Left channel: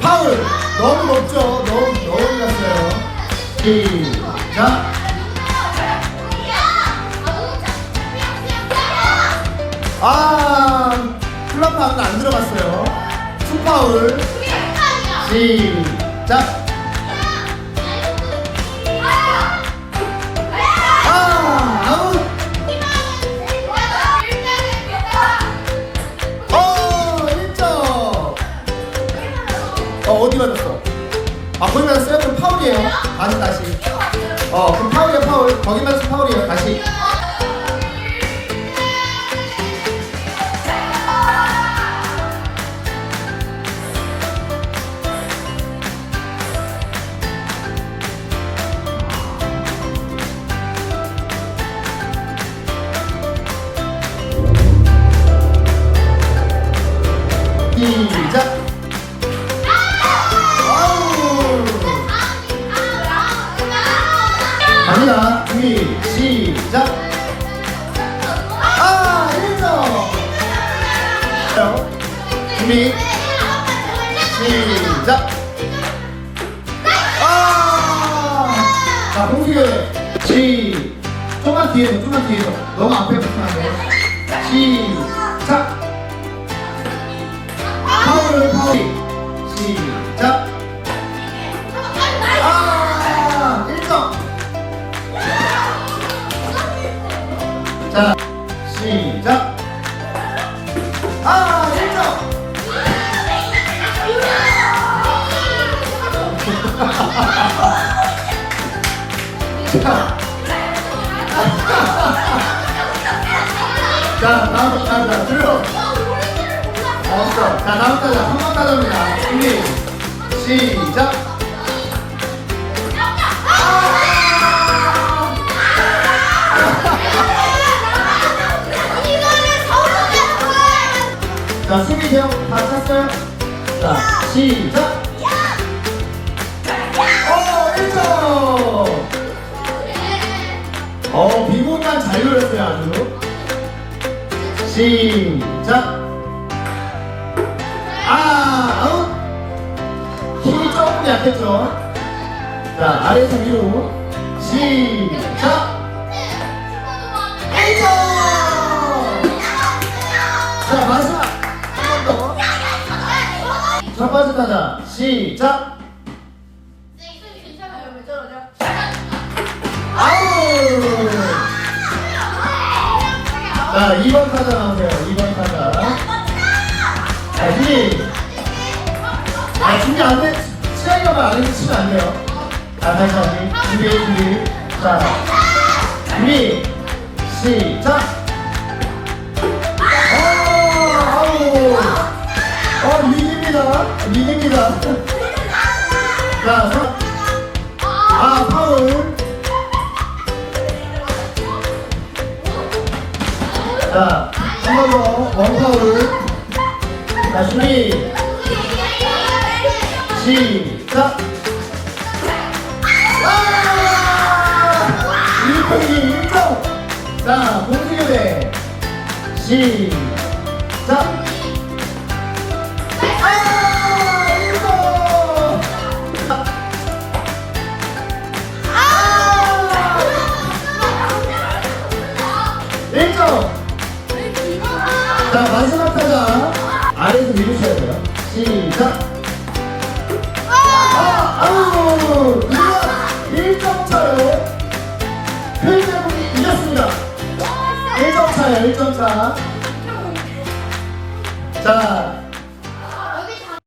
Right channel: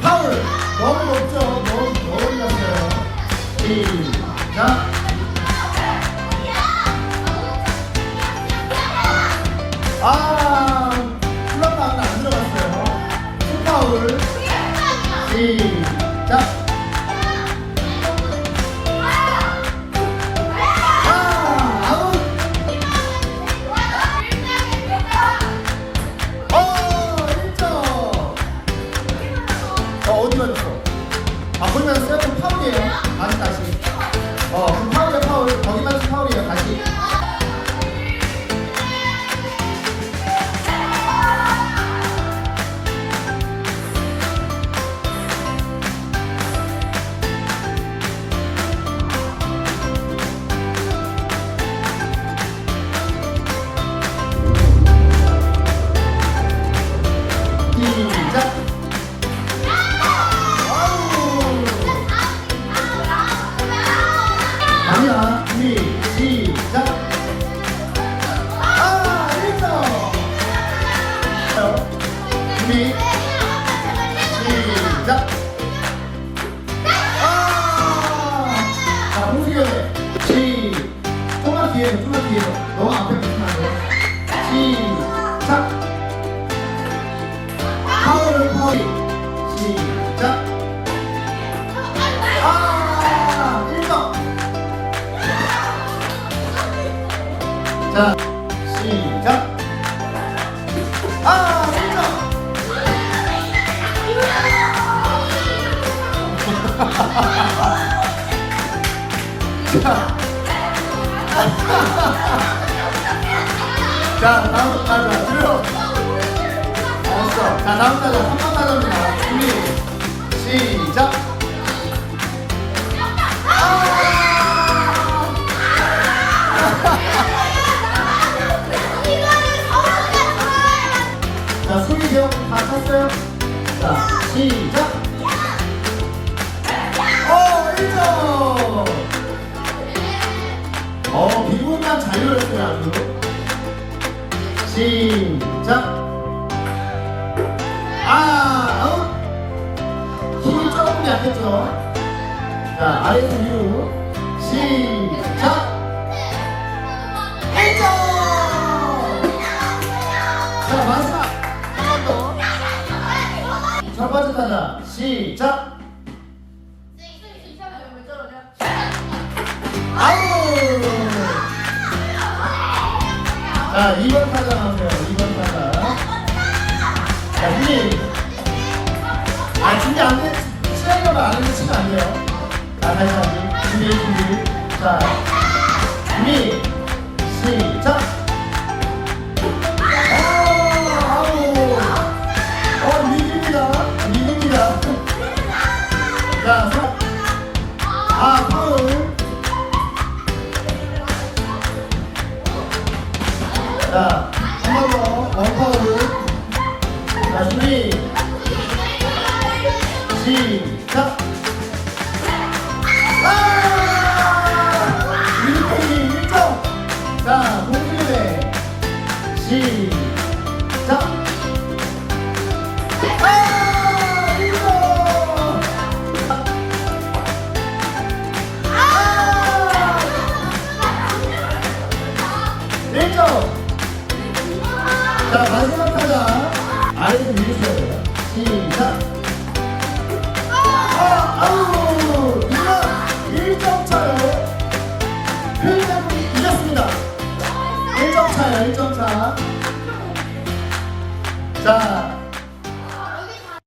파울. 너무 높죠? 너무 너무 갔어요. 시작. 아 플랫파운드 안 들어갔어요. 투파울. 시작 어 어디 맞았어? 아 거기 맞았어요? 그럼 파울이에요. 다시 다시. 어 그럼 파울이야 파울. 거기 맞은 파울이에요. 다시 준비 시작. 아 자 공수교대 시 조금만 뒤에서 조금만 뒤에서. 너무 앞에 붙으면 안돼 시작. 파울 파울 시작. 아! 1점 자 자 다음 거 가자 들어 알았어. 자, 다음 거 한번 가져옵니다. 준비, 시작. 자, 수비 제목 다 찼어요? 자, 시작. 어, 잘 노렸어요, 아주. 시작. 아, 아웃. 힘이 조금 약했죠. 자, 아래에서 위로. 시작. 1점. 자, 마지막. 한 번 더. 첫 번째 타자. 시작. 자, 2번 타자 나오세요. 2번 타자. 자, 준비. 아, 준비 안 돼. 가면 안 해도 치면 안 돼요. 자, 다시 다시. 준비, 준비. 자, 준비. 시작. 아. 어. 자, 아! 1분이 1점. 자, 공기대. 시작. 아! 1점. 아! 1점. 자, 마지막 타자. 아래에서 밀으셔야 돼요. 시작. 1점 차야, 1점 차. 자,